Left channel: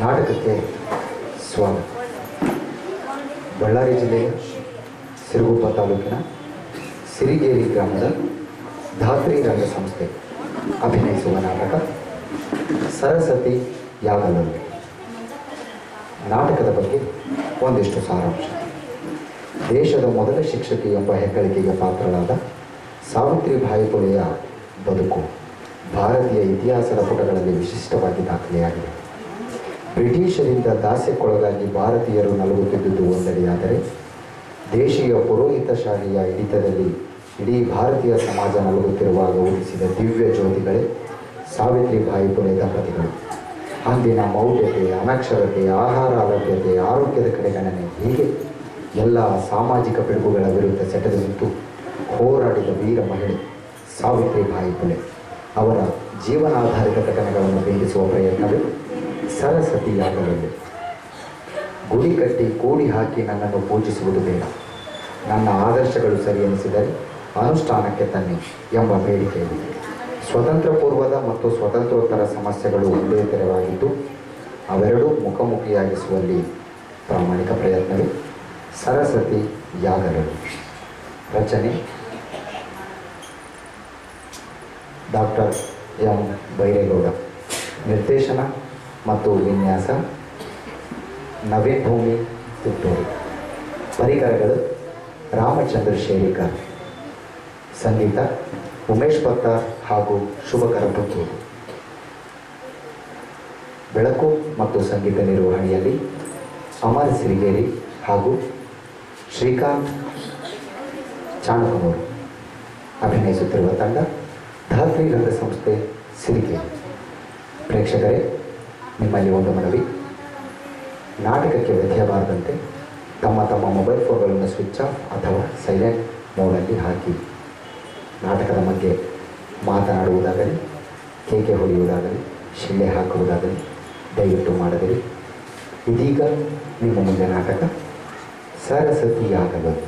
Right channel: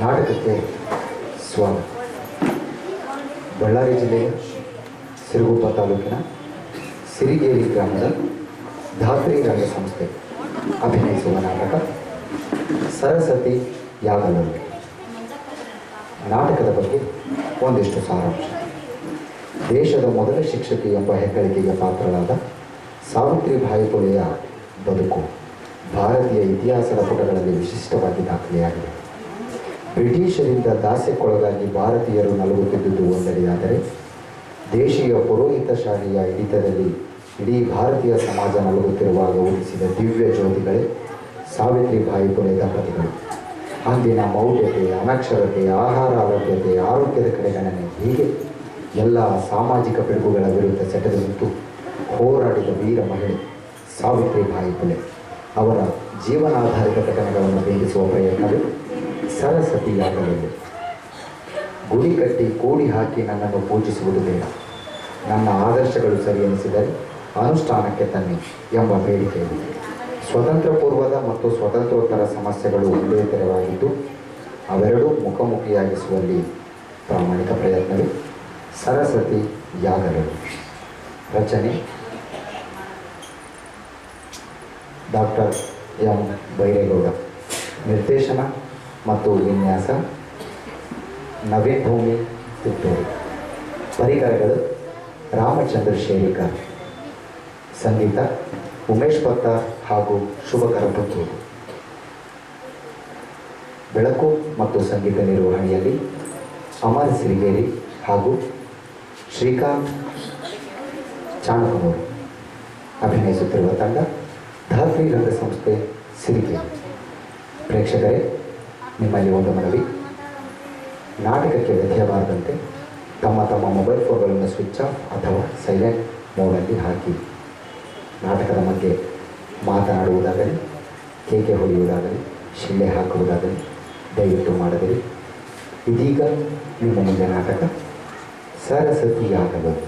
ನಾಟಕಕ್ಕೆ ಸ್ವಾಗತ. ಬಳ್ಳಾರಿ ಜಿಲ್ಲೆಯ ಸಿರುಗುಪ್ಪ ತಾಲೂಕಿನ ಸಿರಿಗೇರಿ ಗ್ರಾಮದ ಧಾತ್ರಿ ರಂಗ ಸಂಸ್ಥೆ ಅಭಿನಯಿಸುವ ನಾಟಕ ಸರಸ್ವತಿ ಯಾಗಲಲ್ಲಿ. ನಾಟಕದ ಬಗ್ಗೆ ಒಂದಿಷ್ಟು ಸಾರಾಂಶ. ದೇಶದ ಮೊದಲ ಶಿಕ್ಷಕಿ ಎಂಬ ಹೆಗ್ಗಳಿಕೆಗೆ ಪಾತ್ರರಾದ ಸಾವಿತ್ರಿಬಾಯಿ ಫುಲೆಯ ಬದುಕು ಭಾರತೀಯ ಇತಿಹಾಸದ ಪುಟಗಳಲ್ಲಿ ವಿಶಿಷ್ಟವಾಗಿ ದಾಖಲೆಯಾಗಿದೆ. ಬ್ರಿಟಿಷರಿಂದ ದಾಸ್ಯಕ್ಕೊಳಗಾಗಿ ಭಾರತೀಯರು ನಲುಗುತ್ತಿದ್ದುದು ಒಂದೆಡೆಯಾದರೆ, ದೇಶೀಯ ಪುರೋಹಿತಶಾಹಿಯ ಹಿಡಿತದಲ್ಲಿ ಇಡೀ ಭಾರತೀಯ ಸಮಾಜ ನಲುಗುತ್ತಿರುವಾಗ ಉದಿಸಿದ ದಿವ್ಯ ಜ್ಯೋತಿಗಳೇ ಸಾವಿತ್ರಿಬಾಯಿ ಫುಲೆ ದಂಪತಿಗಳು. ಅಂದಿನ ಮೌಢ್ಯತೆ, ಅನಕ್ಷರತೆ, ಆಹಾರ ಅಲಭ್ಯತೆ, ಆರೋಗ್ಯದ ಕಡೆಗಣನೆ ಹೀಗೆ ಎಲ್ಲ ಸಾಮಾಜಿಕ ಪಿಡುಗುಗಳ ವಿರುದ್ಧ ಸೆಟೆದು ನಿಂತು ಹೋರಾಡಿದ ವೀರ ಮಹಿಳೆ ಸಾವಿತ್ರಿಬಾಯಿ ಫುಲೆ. ಅವರ ಜೀವನಾಧಾರಿತ ಘಟನೆಗಳನ್ನು ಬಿಂಬಿಸುವ ಪ್ರಯತ್ನವೇ ಸರಸ್ವತಿ ಯಾಗಲಲ್ಲಿ. ಗುಡಿ ಕಟ್ಟಿ ಕೂಡಿ ಹಾಕಿ ನನ್ನನ್ನು ಪೂಜಿಸುವುದು ಬೇಡ, ನನ್ನ ಆದರ್ಶಗಳು ಸರಿ ಎನಿಸಿದರೆ ಅನುಷ್ಠಾನಕ್ಕೆ ತನ್ನಿ ಎಂಬ ಬೇಡಿಕೆ ಇದೆ. ಸ್ವತಂತ್ರ ಪೂರ್ವದ ಮತ್ತು ಸ್ವತಂತ್ರೋತ್ತರ ಸಮಸ್ಯೆಗಳು ಒಂದೇ ತೆರವಾಗಿದ್ದು, ಅವೆರಡೂ ಮುಖಾಮುಖಿಯಾಗಿಸುವಲ್ಲಿ ಪ್ರಾಮಾಣಿಕ ಪ್ರಯತ್ನವೇ ಸರಸ್ವತಿ ಯಾಗಲಲ್ಲಿ. ರಚನೆ ಡಾಕ್ಟರ್ ಎಂ ಬೈರೇಗೌಡ. ನಿರ್ದೇಶನ ಮತ್ತು ವಿನ್ಯಾಸ ನವೀನ್ ಭೂಮಿ ತಿತ್ತೂರು. ಪರಿಕರಗಳು ರಾಮಚಂದ್ರ ಶೇರಿಕರ್. ಸಂಗೀತ ಉಮೇಶ್ ಪತ್ತಾರ್ ಹಾಗೂ ಶುಭಕರ ಪುತ್ತೂರು. ಬೆಳಕು ಮತ್ತು ಸಂಗೀತ ನಿರ್ವಹಣೆಯಲ್ಲಿ ಅಮರ್ ಸಿರಿಗೇರಿ ಹಾಗೂ ಶ್ರೀಕಾಂತ್ ಚಾಣಕನೂರು. ಅಭಿನಯಿಸುತ್ತಿರುವ ತಂಡ ಧಾತ್ರಿ ರಂಗ ಸಂಸ್ಥೆ ಸಿರಿಗೇರಿ. ಪ್ರೇಕ್ಷಕರೇ, ನಿಮ್ಮಲ್ಲಿ ಒಂದು ಮನವಿ. ನಾಟಕಕ್ಕೆ ವ್ಯತ್ಯಯಬಾರದಂತೆ ತಮ್ಮ ತಮ್ಮ ಮೊಬೈಲ್ ಫೋನ್ಗಳನ್ನು ಸ್ವಿಚ್ ಆಫ್ ಅಥವಾ ಸೈಲೆಂಟ್ ಮೋಡಲ್ಲಿ ಹಾಕಿ. ನಾಟಕದ ಬಗ್ಗೆ ಮಾತನಾಡುವುದಾಗಲಿ, ಕೇಕೆ ಹೊಡೆಯುವುದಾಗಲಿ, ಶಿಳ್ಳೆ ಹಾಕುವುದಾಗಲಿ ದಯವಿಟ್ಟು ಮಾಡದಿರಿ. ಇದೀಗ ನಿಮ್ಮ ಮುಂದೆ ನಾಟಕ ಸರಸ್ವತಿ ಯಾಗಲಲ್ಲಿ.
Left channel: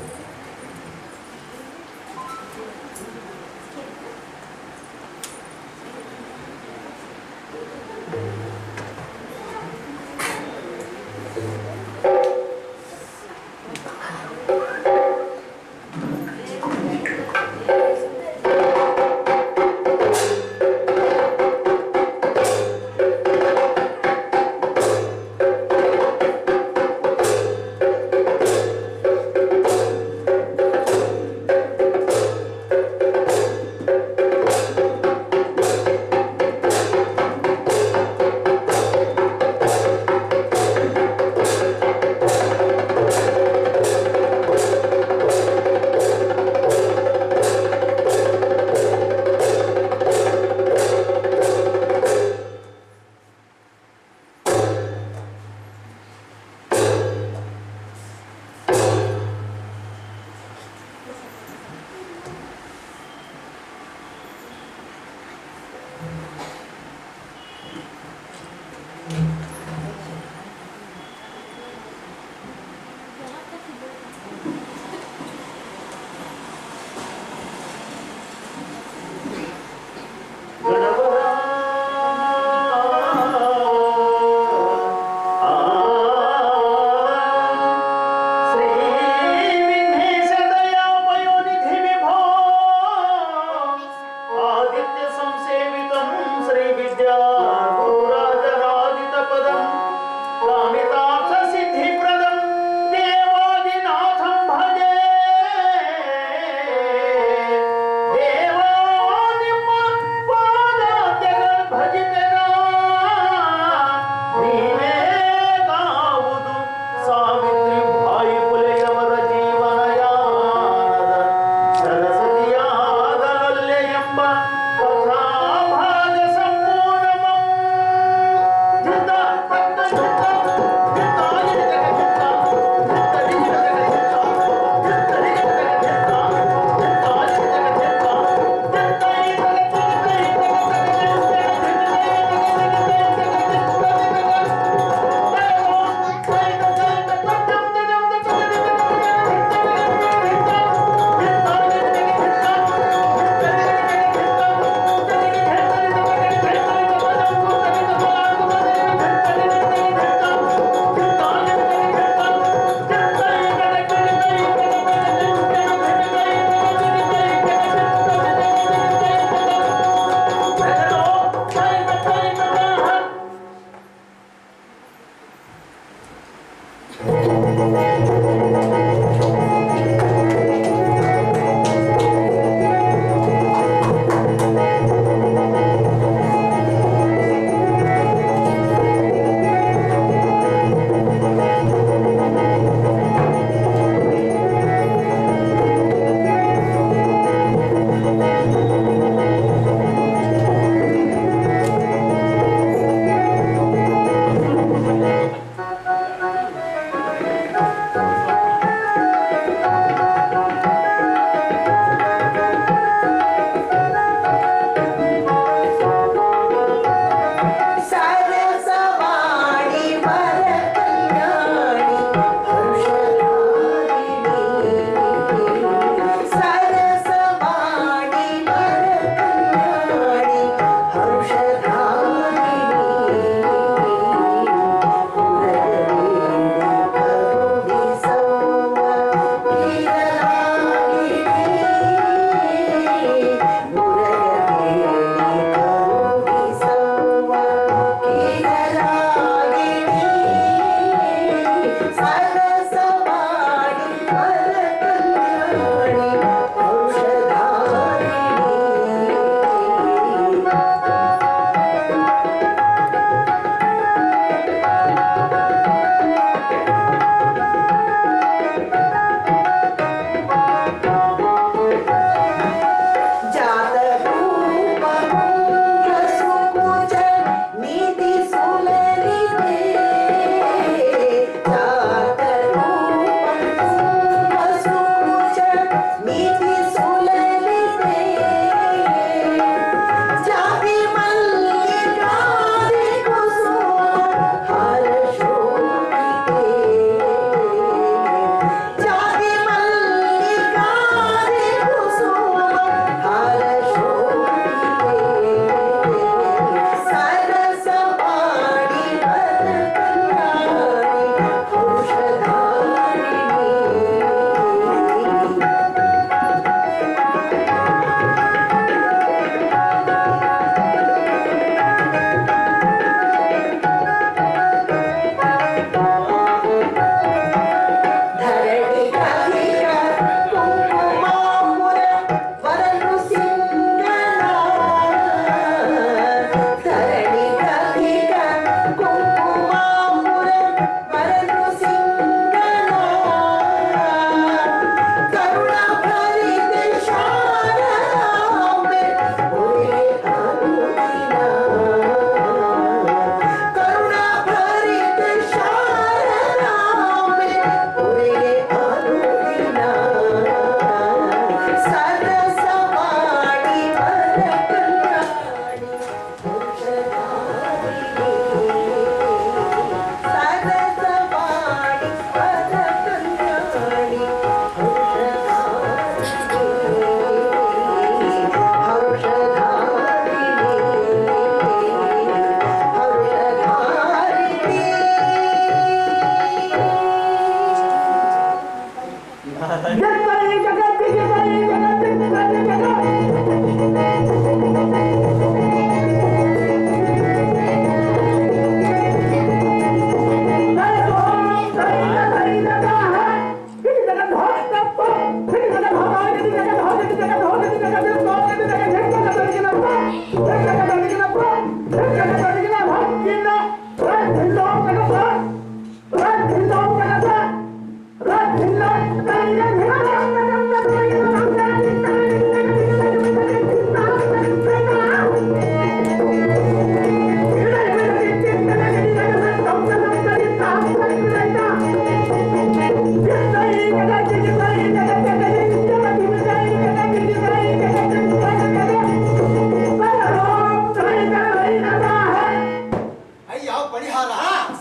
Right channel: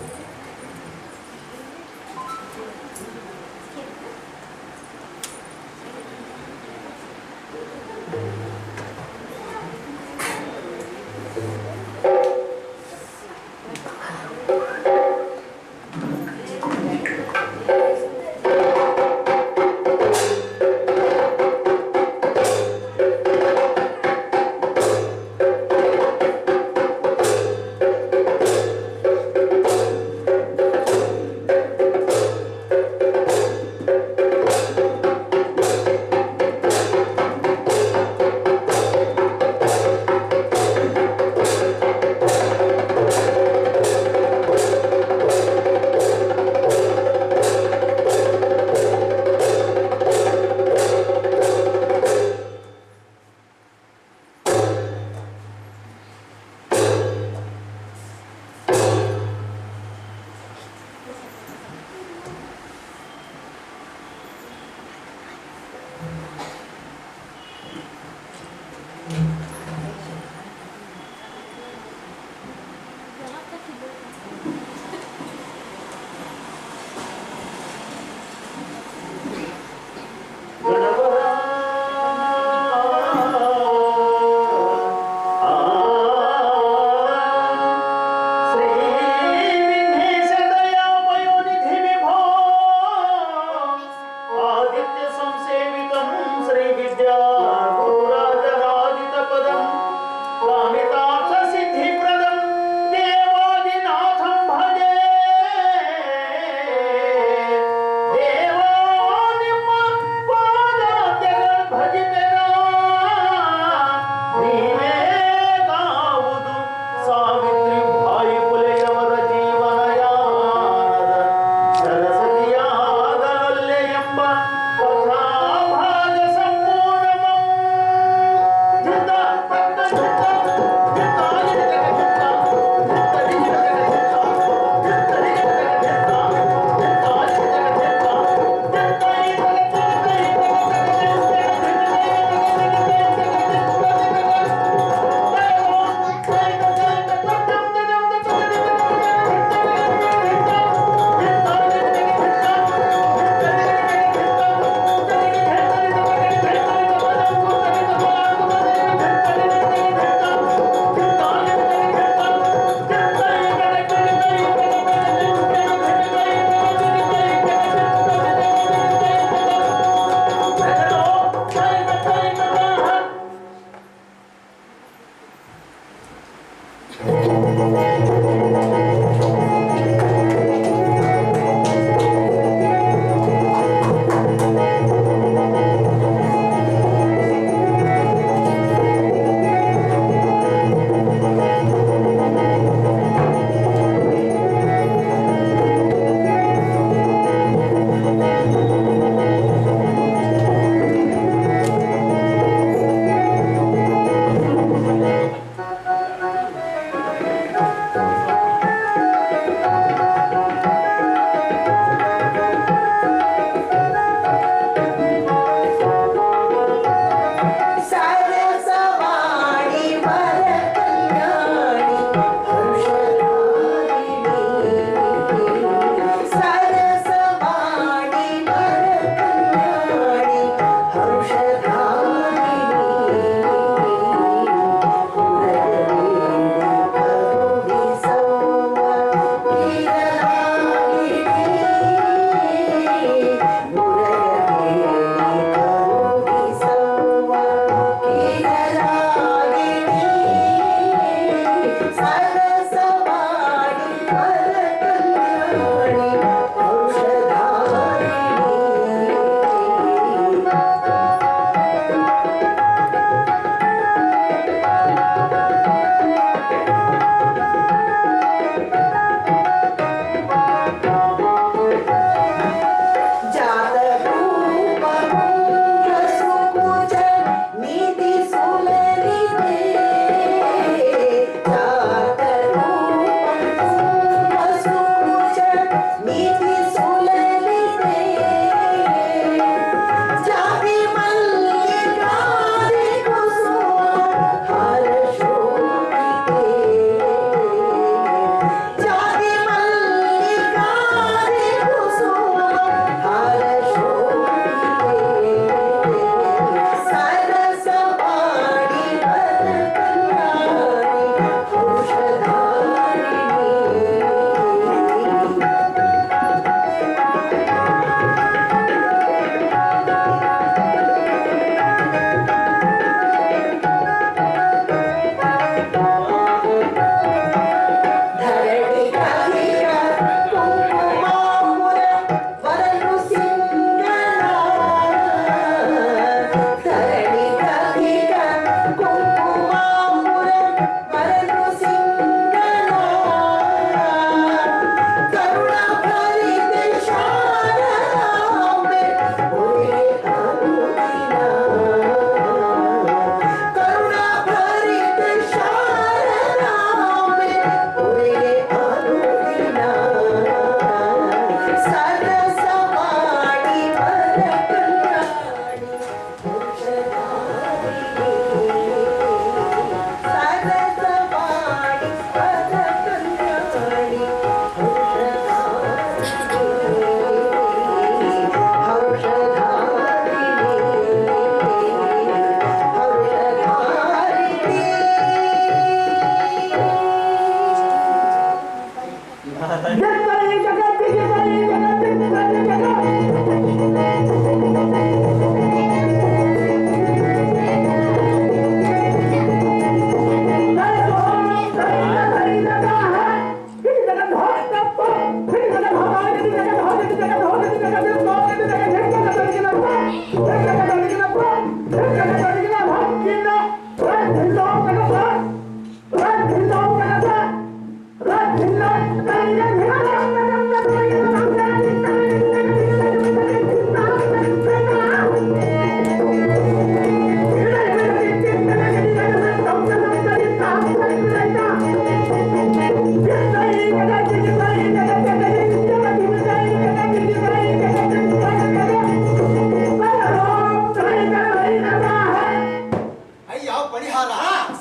ಪರಿಹಾರ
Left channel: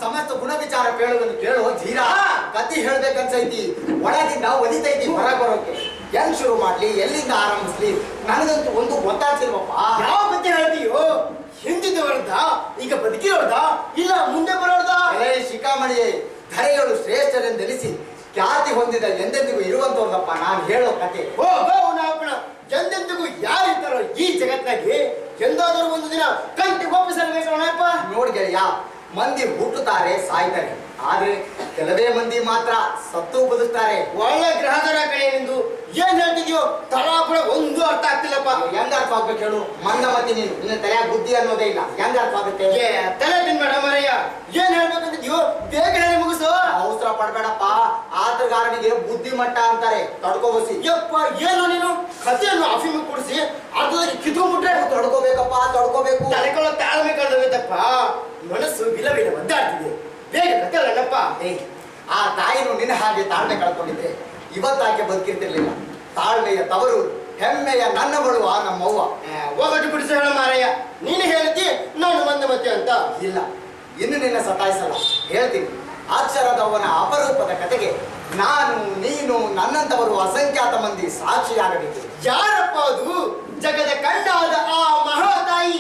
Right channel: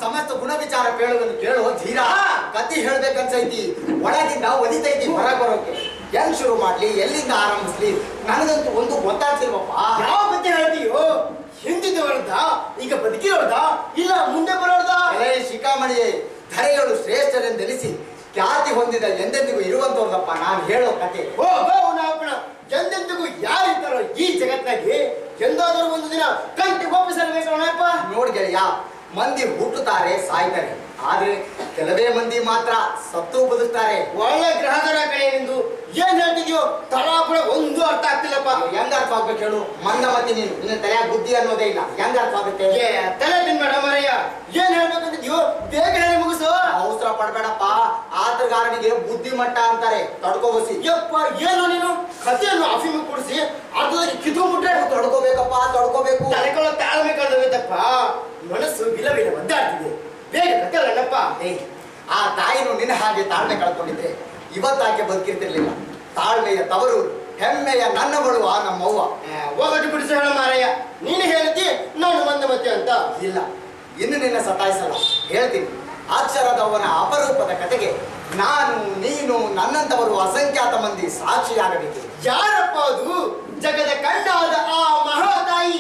ಸಮಸ್ತ ಗುಣ ವಿಚಾರ ಕೇಳುವುದನ್ನು ಕೇಳುವ ಧೀರ ಕತಿ ಹೇಳ್ಬೇಕನ್ಸೈತಿ, ಒಳಗಿಂದ ಒದಿತೈತಿ ಹೊರಗೆ ಬರೋಕೆ. ಹೆಂಗ್ ಶುರು ಮಾಡ್ಲಿ, ಎಲ್ಲಿಂದ ಆರಂಭಿಸ್ಲಿ, ನನಗಂತೂ ಒಂದು ಗೊತ್ತಾಗ್ತಿಲ್ವಪ್ಪ. ಯಾವ ಕತೆ ಹೇಳ್ತೀಯೋ? ಹಿಂದಿದ್ದು ಹೊರದ, ಈಗ ಬದುಕಿರೋದ, ಇಲ್ಲ ಮುಂದೆ ಬರೋದ? ಶಿಖಾಮಣಿಯೇ, ಧರೆಗಳು ಶ್ರೇಷ್ಠರೆಂದೆನಿಸಿ ಖ್ಯಾತಿ ಹೊಂದಿದ ಎಂದೆಂದಿಗೂ ಇರುವಂತವ್ರದಪ್ಪ ನಾನು ಹೇಳೋ ಕತೆ. ಓ ನಾಪಣ, ಎಂದೆಂದಿಗೂ ಯಾರಿದ್ದಾರೋ ಈ ಜಗತ್ತಾಗಿ ಎಂದಾದರೂ ಒಂದು ದಿನ ಕಂಟಿ ಒಪ್ಪಿಸಲ್ಬೇಕಪ್ಪ. ನೋಡ್ ಗೆಳೆಯ, ಮಂದಿ ಹುಟ್ಟುತ್ತಾರೆ ಸಾಯ್ತಾರೆ, ಆದ್ರೆ ಕೆಲವೇ ಮಂದಿ ಮಾತ್ರ ಸತ್ತು ಬದುಕ್ತಾರೆ. ಒಳ್ಳೆ ಗ್ರಹದರ ಕಡೆ ನಿಂದು ಏನ್ ಹೇಳ್ತಿದ್ಯೋ ತಲಾ ಕೂಡ ಒಂದು ಅರ್ಥ ಆಗ್ತಿಲ್ಲಪ್ಪ. ಹೆಂಗ ಅರ್ಥ ಆಗ್ಬೇಕು ಹೇಳು? ಮಂದಮತಿ ನೀನು, ನಿನ್ನ ತಲೆಯ ಬುದ್ಧಿ ಅನ್ನೋದೇ ಇಲ್ಲ, ಹೆಂಗ ಅರ್ಥ ಆಗುತ್ತೆ? ತಲೆ ತಿನ್ಬೇಡ ಮಾರಯ್ಯ, ಏನ್ ಹೇಳ್ಬೇಕಂತಿದ್ಯೋ ಬೇಗ ಹೇಳಿ ಮುಗಿಸು. ಅವಸರ ಪಡ್ಬೇಡಪ್ಪ, ಆತಗಾರನಿಗೆ ಬುದ್ಧಿ ಮಟ್ಟ ಅಂತಾರೆ, ತಡ್ಕೋಬಸಿ. ಯಪ್ಪ ಏನು ನೀನು ಕಥೆಯನ್ನು ಅಫಿಮು ಕೊಡಿಸಿ ಅರ್ಧದಲ್ಲಿ ಕಿತ್ಕೊಂಡ್ಬಿಟ್ರೆ ತಡ್ಕೋಬೇಕಪ್ಪ, ತಡ್ಕೋಬೇಕು. ತಲೆಕೊಳ್ಳೋ ತಾಳ್ಮೆ ಕಳೆದೋಗೈತಪ್ಪ, ಮನಸ್ಸು ವಿಲ ಒದ್ದಾಡ್ತಿದೆ. ಬೇಗ ಕಥೆ ಅಲ್ಲಪ್ಪ. ಆ ತಾಯಿನು ನಿನ್ನ ಹಾಗೆ ತಾಳ್ಮೆ ಕಳ್ಕೊಂಡಿದ್ರೆ ಇವತ್ತಾಕೆ ಬದುಕಿರ್ತಿರ್ಲಿಲ್ಲ. ತಾಳ್ಮೆಯ ತವರು, ಹೆಮ್ಮೆಯ ನನ್ನ ಬಳುವ ನಮ್ಮವ್ವ. ಹೋಗಟ್ಟು ಬಿಡಿಸಿ ಹೇಳ ಮಾರಯ್ಯ, ನೀನು ಹೇಳಿದ್ದಿ ನಾನು ಮಂದಮತಿ ಅಂತ. ಇಲ್ಲ, ಇನ್ನು ನಿನ್ನ ಸತಾಯಿಸಲ್ಲ, ಹೇಳ್ತೀನಿ. ಅಕ್ಷರದವನ ಅಪರೂಪದ ಕತೆಗೆ ನಾನು, ನೀನು, ನನ್ನಂತವರು ಅಸಂಖ್ಯಾತ ಮಂದಿ ಸಾಕ್ಷಿಯಾಗಬೇಕು. ಯಾರಪ್ಪ ಅದು? ಜಗದ ಕಣ್ಣಾದ ಆ ಮಹಾತಾಯಿ.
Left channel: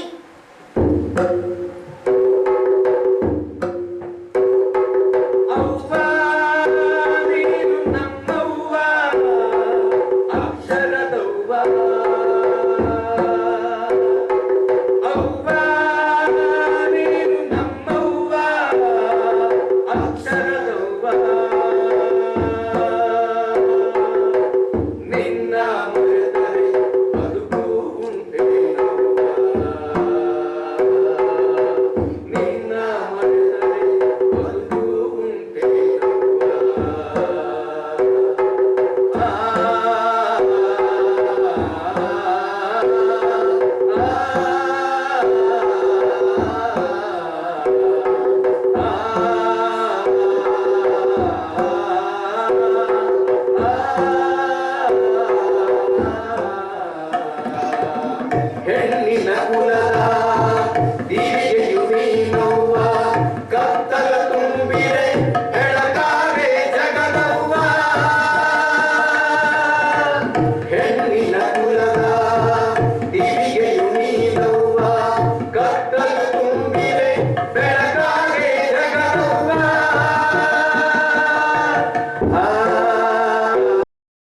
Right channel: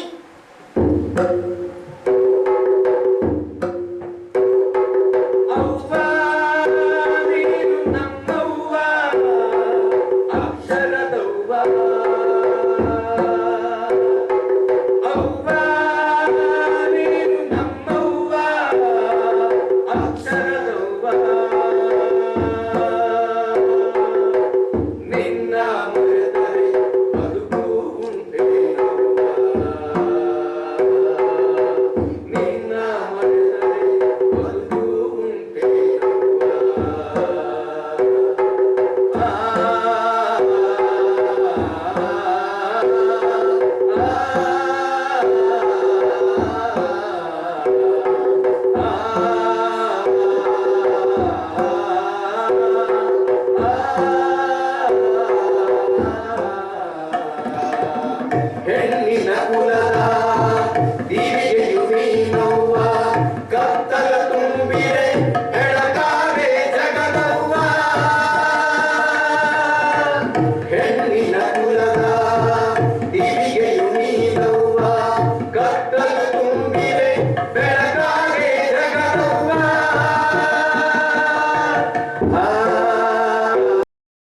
ಹೆಣ್ಣಿನ ಕುಲ